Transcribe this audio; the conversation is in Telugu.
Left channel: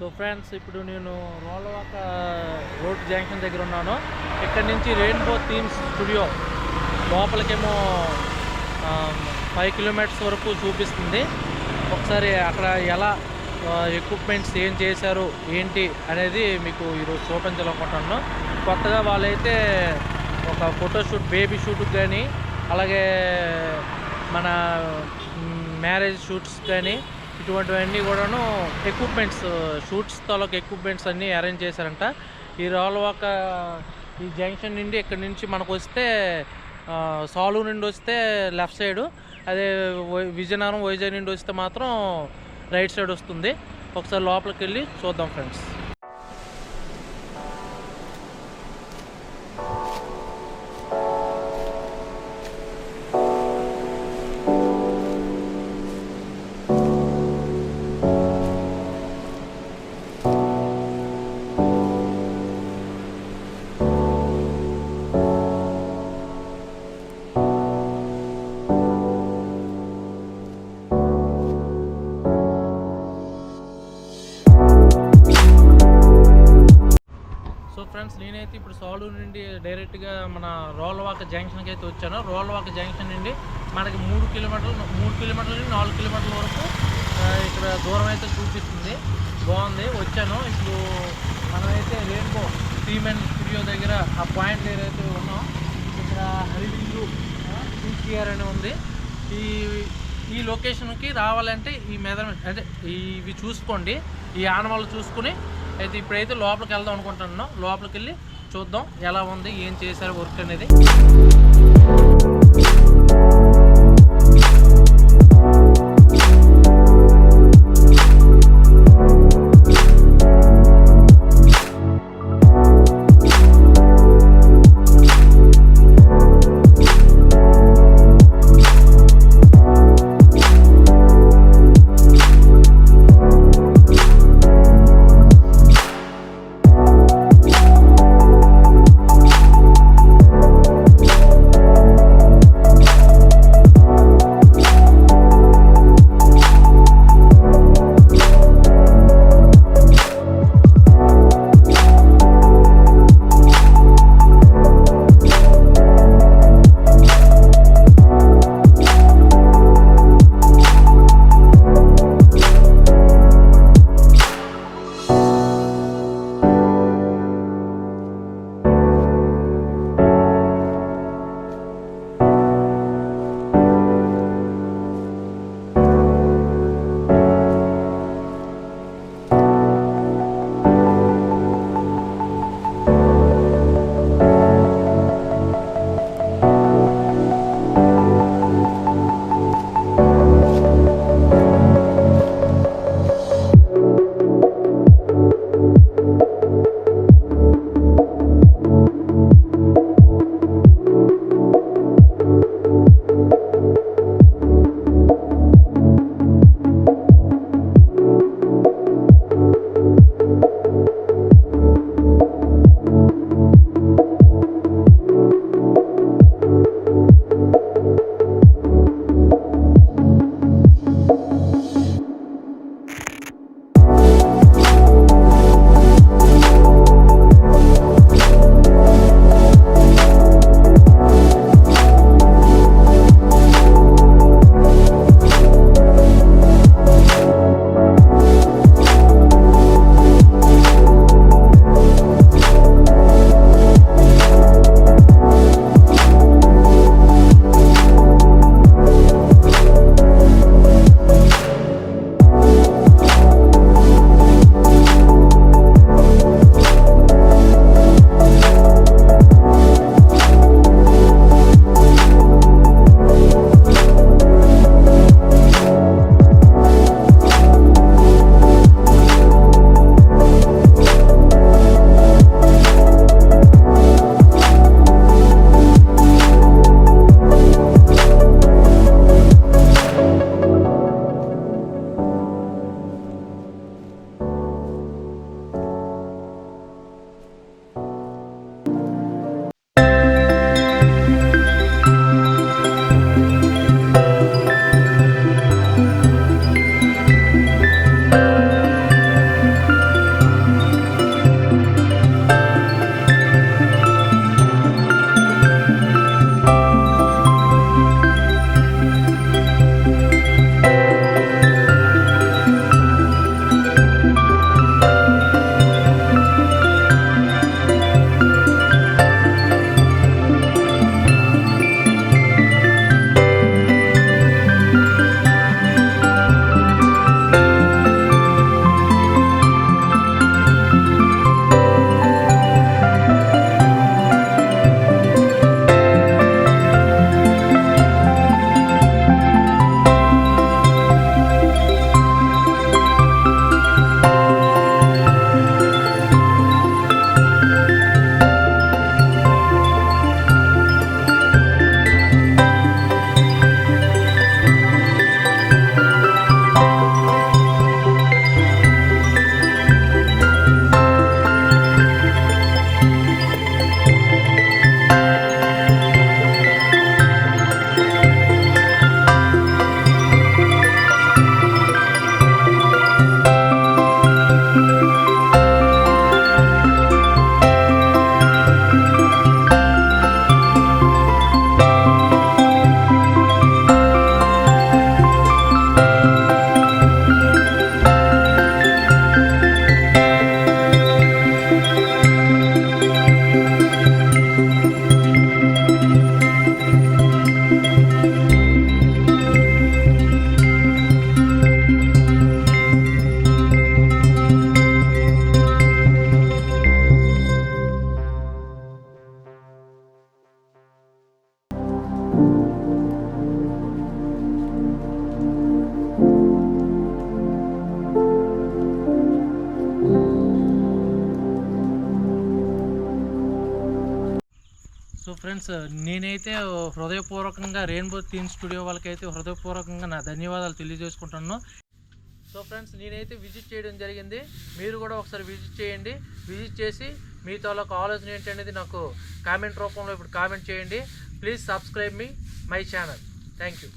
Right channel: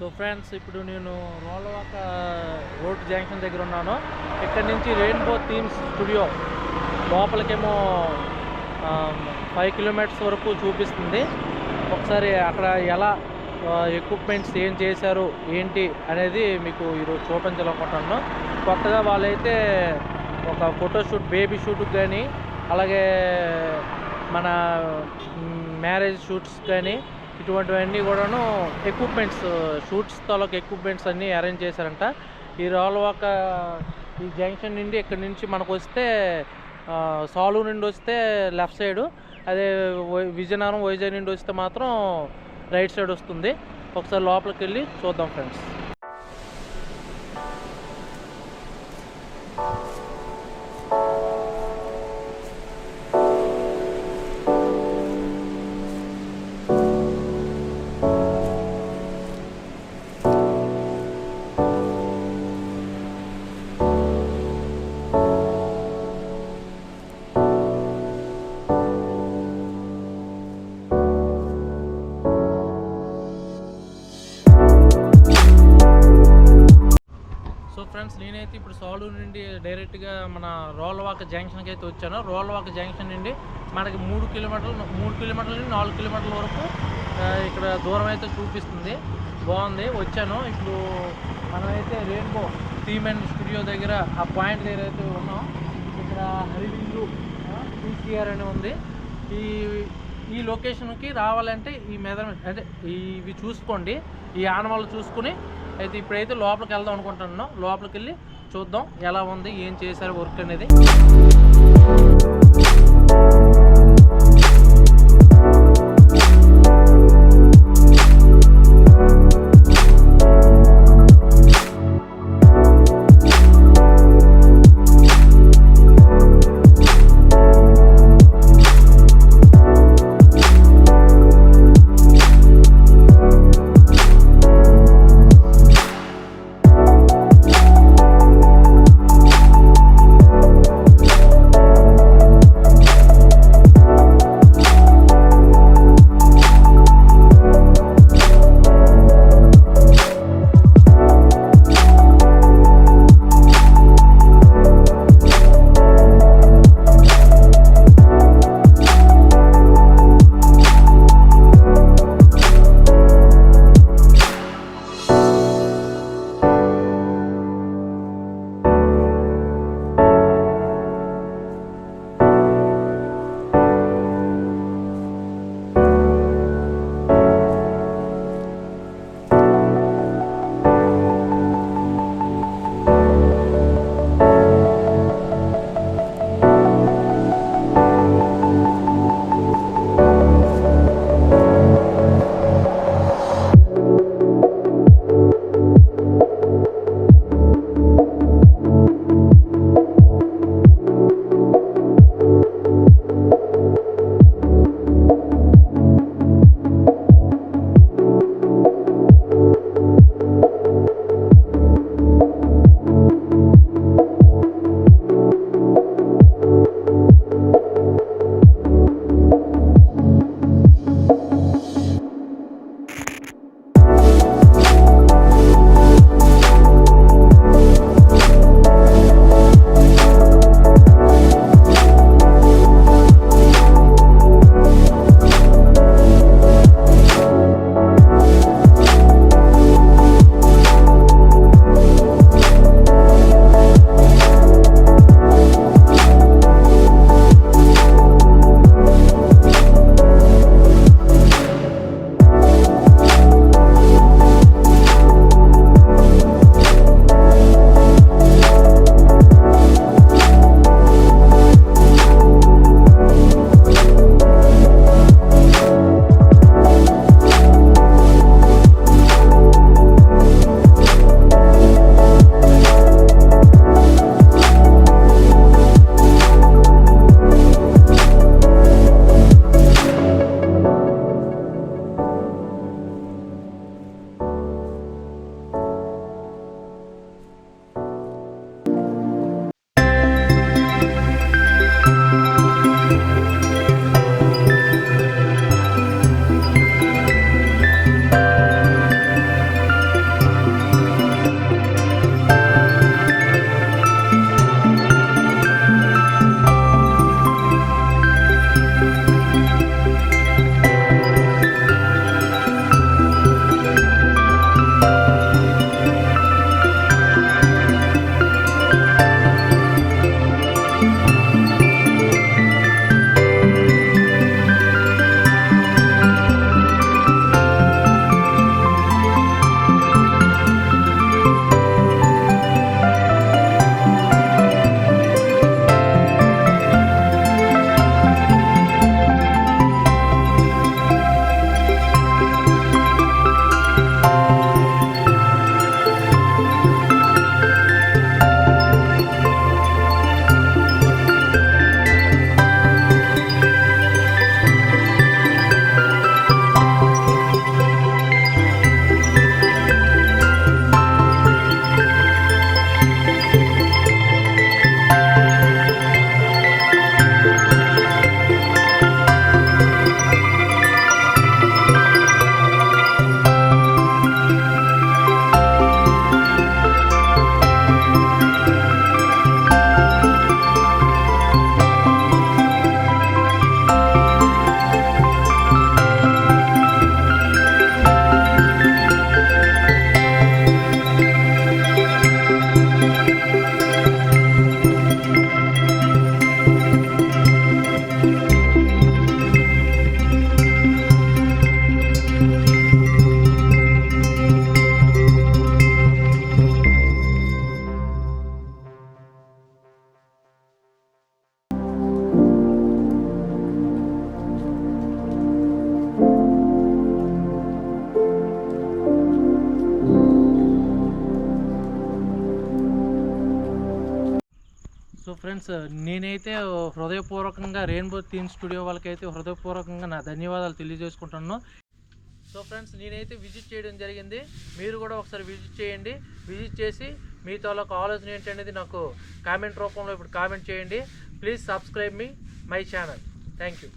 సో ఫ్రెండ్స్, ఇప్పుడు నేను రోలవాక రోడ్ జంక్షన్ దగ్గర ఉన్నాను. ఇక్కడ నుంచి రెయిన్బో థీమ్స్ స్టూడియో లోపలికేమో 5 కిలోమీటర్స్ వరకు చూపిస్తుంది. ఒకసారి అక్కడ ఎలా ఎక్విప్మెంట్స్ ఏం చేశారు ఏంటి అనేది మీకు ఈరోజు చూపించాలనుకుంటున్నాను. కొత్తగా వాళ్ళైతే ఒక ఫోటోషూట్, బేబీ షూట్కి కానీ, అలాగే మన మ్యారేజ్ షూట్స్ కానీ ఇటువంటివన్నీ కూడాను ఎక్విప్మెంట్స్, షూట్స్ తాలూకు ఎక్విప్మెంట్స్ అన్నీ అరేంజ్ చేశారంట. ఈ రోలవాక ఈ జంక్షన్ నుండి ఇక్కడి నుంచి మనకు వస్తే సాలూరు నుండి వస్తే లెఫ్ట్ సైడు, అదే విజయనగరం వైజాగ్ నుండి వస్తే మాత్రం రైట్ సైడ్ వస్తుంది. ఒకసారి లోపలికి వెళ్ళి చూద్దాం ఫ్రెండ్స్. సో ఫ్రెండ్స్, నేనైతే ఇప్పుడు సాలూరు నుండి డైరెక్ట్గా మన రోలవాక జంక్షన్కి అయితే వచ్చాను. రోలవాక జంక్షన్ నుండి మనకి 3 కిలోమీటర్ల నుండి 4 కిలోమీటర్ల వరకు ఇక్కడ దూరం అయితే చూపిస్తుంది. బాగుంది. వచ్చాను. ఇప్పుడు మనమైతే రెయిన్బో థీమ్ అండ్ స్టూడియో దగ్గర ఆ పాయింట్ దగ్గర అయితే ఉన్నాం. ఇక్కడ హరివిల్లు పీసీఆర్ అని ఉంది. ఈ లొకేషన్కి రావాలంటే ఈ మెజర్మెంట్ అంటే ఇవి చూసుకోండి, ఈ ఆనవాళ్ళు చూసుకుని అయితే ఇప్పుడైతే లోపలికి వెళ్దాం అనుకుంటున్నాం. లోపలికి వెళ్ళి చూద్దాం ఎలా ఉంది, ఏం చేశారు వర్క్ అనేది. సో ఫ్రెండ్స్, నేనైతే హృదయపూర్వకంగా రెయిన్బో థీమ్ స్టూడియో వాళ్ళకైతే హృదయపూర్వకంగా నా ధన్యవాదాలు తెలియజేసుకుంటున్నాను. సో ఫ్రెండ్స్, నేనైతే విజిట్ చేయడం జరిగింది. మీరు కూడా ఒకసారి విజిట్ చేయండి. విజిట్ చేసి మీ తాలూకు ఆలోచన ఏంటనేది నాకు కామెంట్ రూపంలో ఇప్పుడు కామెంట్ చేయండి. Please subscribe my channel. Thank you.